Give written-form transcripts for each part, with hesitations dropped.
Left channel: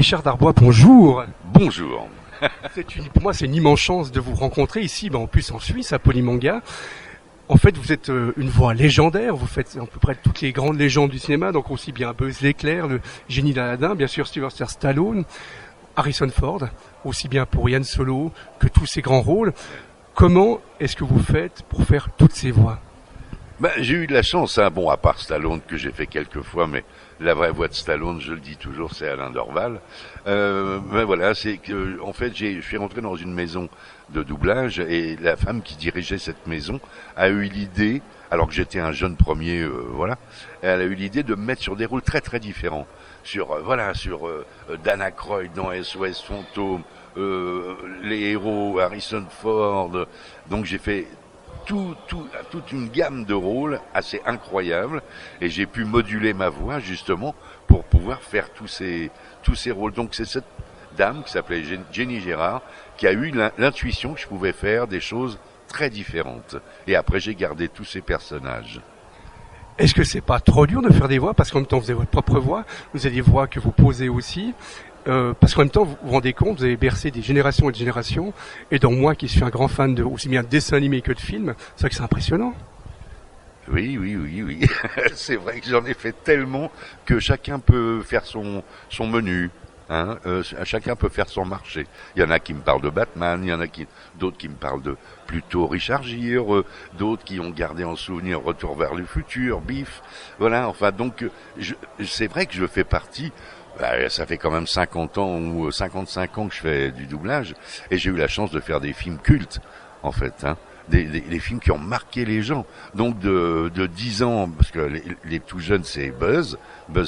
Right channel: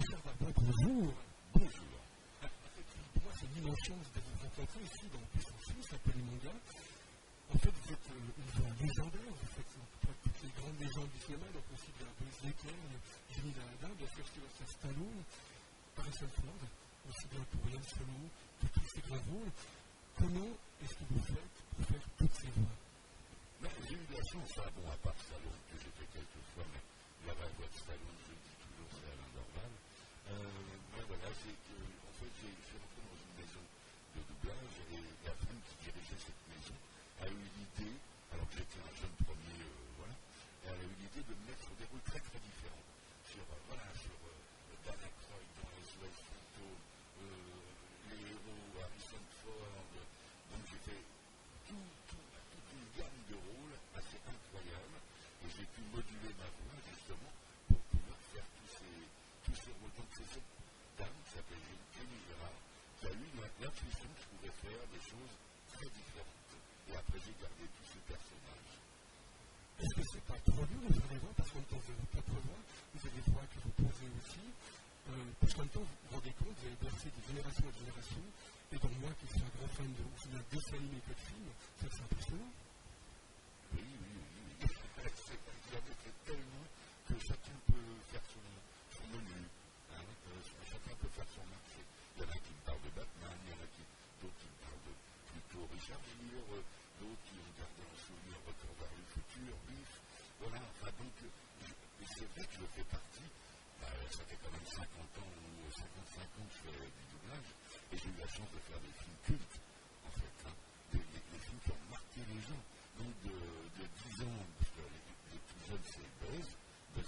Richard Darbois, bonjour. Bonjour. Pour moi, c'est une immense chance de vous rencontrer ici, en plus en Suisse, à Polymanga. En fait, vous êtes une voix légendaire. Vous faites à peu près toutes les grandes légendes du cinéma, donc aussi bien Buzz l'éclair, le génie d'Aladin, bien sûr Sylvester Stallone, Harrison Ford, aussi bien pour Yann Solo que tous ces grands rôles. Comment est-ce que vous faites pour faire toutes ces voix? J'ai eu de la chance, hein. Bon, à part Stallone que j'ai fait quelques fois, mais la vraie voix de Stallone, je le dis toujours, c'est Alain Dorval. Voilà, c'est que en fait, je suis rentré dans une maison de doublage et la femme qui dirigeait cette maison a eu l'idée, alors que j'étais un jeune premier, voilà, elle a eu l'idée de me mettre sur des rôles très très différents, sur sur Dan Aykroyd dans SOS Fantôme, les héros, Harrison Ford. Donc j'ai fait toute une gamme de rôles assez incroyable et j'ai pu moduler ma voix justement pour pouvoir faire tous ces rôles. Donc c'est cette dame qui s'appelait Jenny Gérard qui a eu l'intuition que je pouvais faire des choses très différentes. Et après j'ai gardé tous ces personnages. Est-ce que c'est pas trop dur de faire des voix parce qu'en même temps vous avez votre propre voix, vous avez des voix que vous posez aussi, parce qu'en même temps vous vous rendez compte, vous avez bercé des générations et des générations, et donc moi qui suis un grand fan de aussi bien de dessins animés que de films, c'est vrai que c'est impressionnant. Oui. C'est vrai que j'en ai fait tellement que chacun peut faire son menu. Hein, chacun peut faire son marché. Il y en a qui me parlent de Batman, il y en a d'autres qui me parlent de plutôt Richard Gere, d'autres qui ont gardé en souvenir Retour vers le futur, Biff. Voilà, enfin donc c'est vrai que je fais partie. Ça fait quand même 50 ans ou 55 ans que je fais du doublage et j'ai eu la chance de faire des films cultes en fait. Hein. Des films qui ont marqué les gens. Donc de 10 ans, parce que les tout jeunes c'est Buzz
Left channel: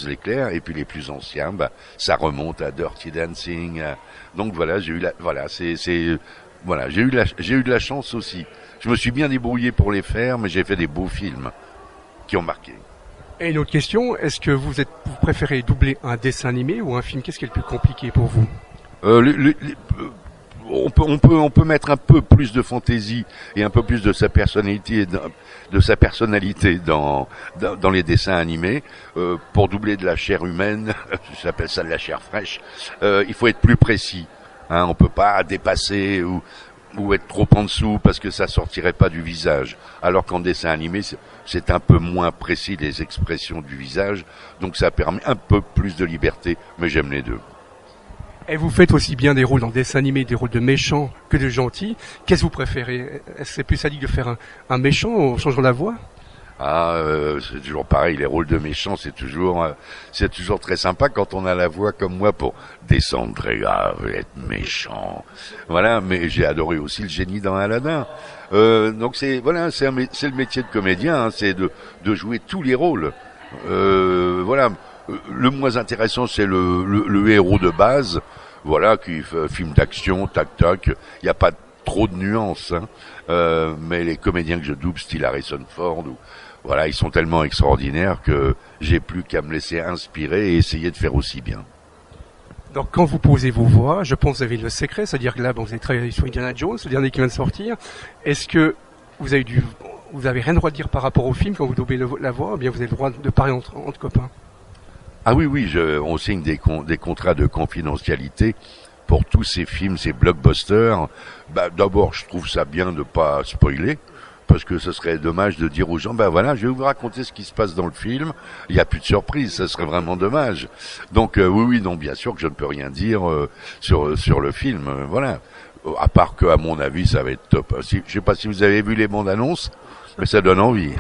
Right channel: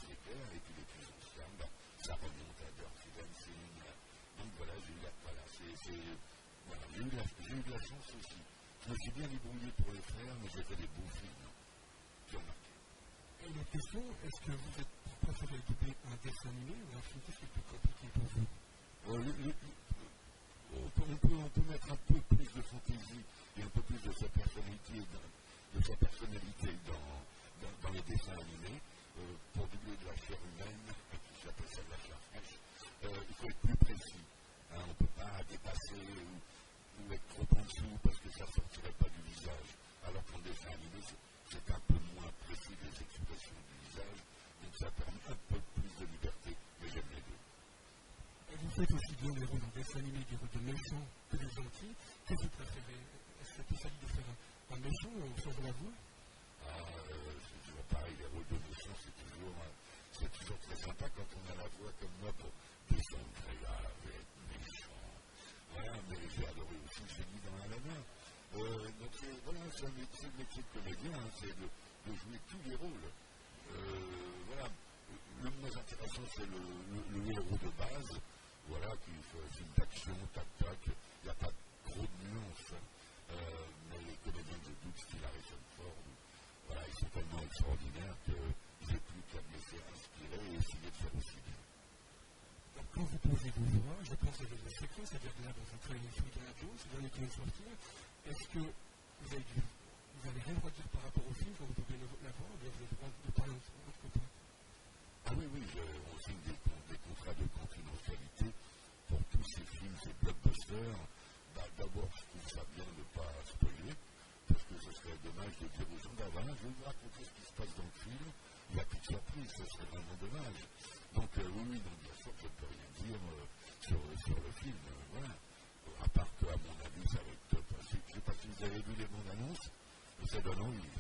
l'éclair, et puis les plus anciens, ça remonte à Dirty Dancing. Donc voilà, j'ai eu voilà, j'ai eu de la chance aussi. Je me suis bien débrouillé pour les faire, mais j'ai fait des beaux films qui ont marqué. Et une autre question, est-ce que vous préférez doubler un dessin animé ou un film? Qu'est-ce qui est le plus compliqué pour vous? On peut mettre un peu plus de fantaisie et un peu plus de sa personnalité dans les dessins animés. Pour doubler de la chair humaine, j'appelle ça de la chair fraîche, il faut être plus précis. Hein, on peut pas dépasser ou être trop en dessous parce que ça sortirait pas du visage. Alors qu'en dessin animé, c'est un peu moins précis les expressions du visage, donc ça permet un peu plus de liberté, mais j'aime les deux. Et vous faites aussi bien des rôles dans dessin animé, des rôles de méchants que de gentils. Qu'est-ce que vous préférez? Est-ce que c'est plus sadique de faire un méchant en changeant la voix? C'est toujours pareil, les rôles de méchants, c'est toujours très sympa quand on a la voix comme moi pour descendre très grave et être méchant. Voilà, mais j'ai adoré aussi le génie dans Aladin. Donc c'est le métier de comédien, hein, c'est de jouer tous les rôles. Voilà, le moins intéressant c'est le héros de base, voilà, qui fait film d'action, tac tac. Il n'y a pas trop de nuances, hein. Mais les comédiens que je double, style Harrison Ford, voilà, ils sont tellement extraordinaires que j'ai plus qu'à me laisser inspirer et essayer de faire aussi bien. Donc quand vous posez vos voix, je pense que vous avez le secret, c'est-à-dire que là, vous avez travaillé sur Indiana Jones, le dernier qui vient de sortir. Est-ce que vous avez rien le droit de dire par rapport au film quand vous doublez la voix, ou bien vous avez le droit de parler entre copains? Ah oui, on signe des contrats de confidentialité pour tous ces films, ces blockbusters. D'abord, je trouve ça bien de pas spoiler, parce que ce serait dommage de dire aux gens, voilà, je vais vous raconter ce qui se passe dans le film, il n'y a plus de surprise, ça serait vraiment dommage. Donc oui, non, bien sûr que je ne peux rien dire sur le film, voilà. À part que, à mon avis, ça va être top. Je sais pas si vous avez vu les bandes annonces, mais ça donne envie.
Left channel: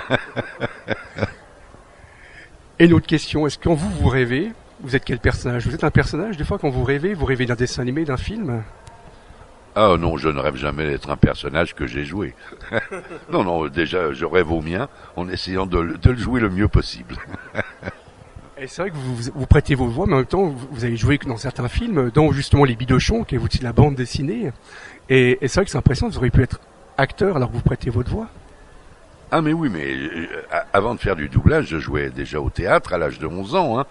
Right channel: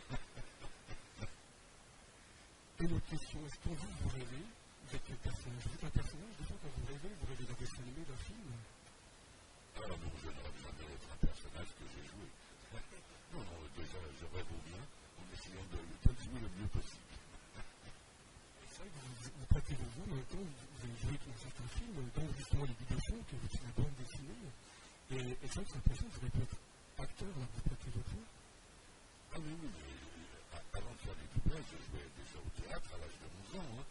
Et une autre question, est-ce que quand vous rêvez, vous êtes quel personnage? Vous êtes un personnage, des fois, quand vous rêvez d'un dessin animé, d'un film? Ah non, je ne rêve jamais d'être un personnage que j'ai joué. Non, déjà, je rêve au mien en essayant de le jouer le mieux possible. Et c'est vrai que vous prêtez vos voix, mais en même temps, vous avez joué dans certains films, dont justement Les Bidochons, qui est aussi de la bande dessinée. Et c'est vrai que c'est impressionnant, vous auriez pu être acteur alors que vous prêtez votre voix. Ah mais oui, mais avant de faire du doublage, je jouais déjà au théâtre à l'âge de 11 ans. Hein.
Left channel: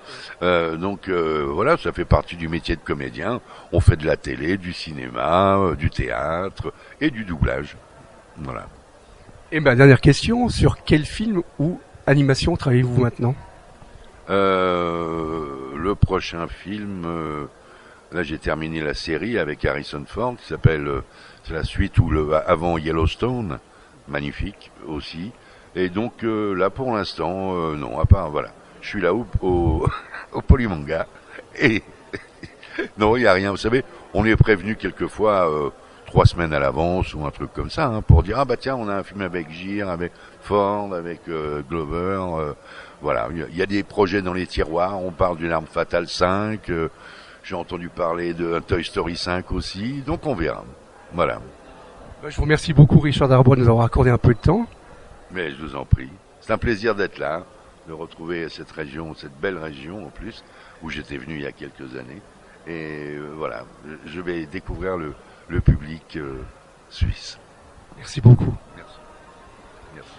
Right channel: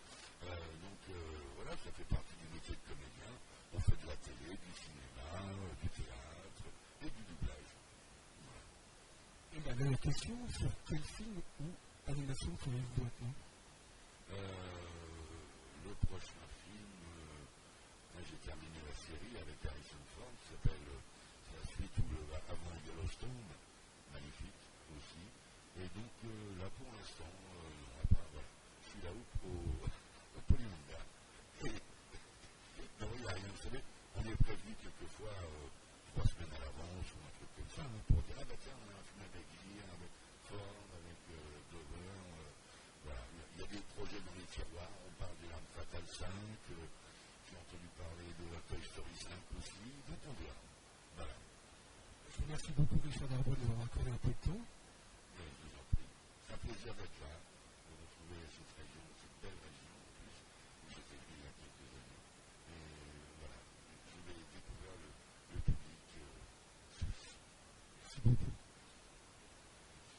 Donc voilà, ça fait partie du métier de comédien. On fait de la télé, du cinéma, du théâtre et du doublage. Voilà. Et dernière question, sur quel film ou animation travaillez-vous maintenant? Le prochain film, Là, j'ai terminé la série avec Harrison Ford, qui s'appelle, c'est la suite ou le avant Yellowstone, magnifique aussi. Et donc là, pour l'instant, non, à part voilà, je suis là au Polymanga et non, il y a rien. Vous savez, on est prévenu quelquefois 3 semaines à l'avance ou un truc comme ça, hein, pour dire ah bah tiens, on a un film avec Gere, avec Ford, avec Glover. Voilà, il y a des projets dans les tiroirs. On parle d'une Arme Fatale 5. J'ai entendu parler de Toy Story 5 aussi, donc on verra. Voilà. Je vous remercie beaucoup, Richard Darbois, de nous avoir accordé un peu de temps. Mais je vous en prie. C'est un plaisir d'être là, de retrouver cette région, cette belle région en plus, où j'étais venu il y a quelques années. Et voilà, je vais découvrir le public suisse. Merci beaucoup. Merci. Merci.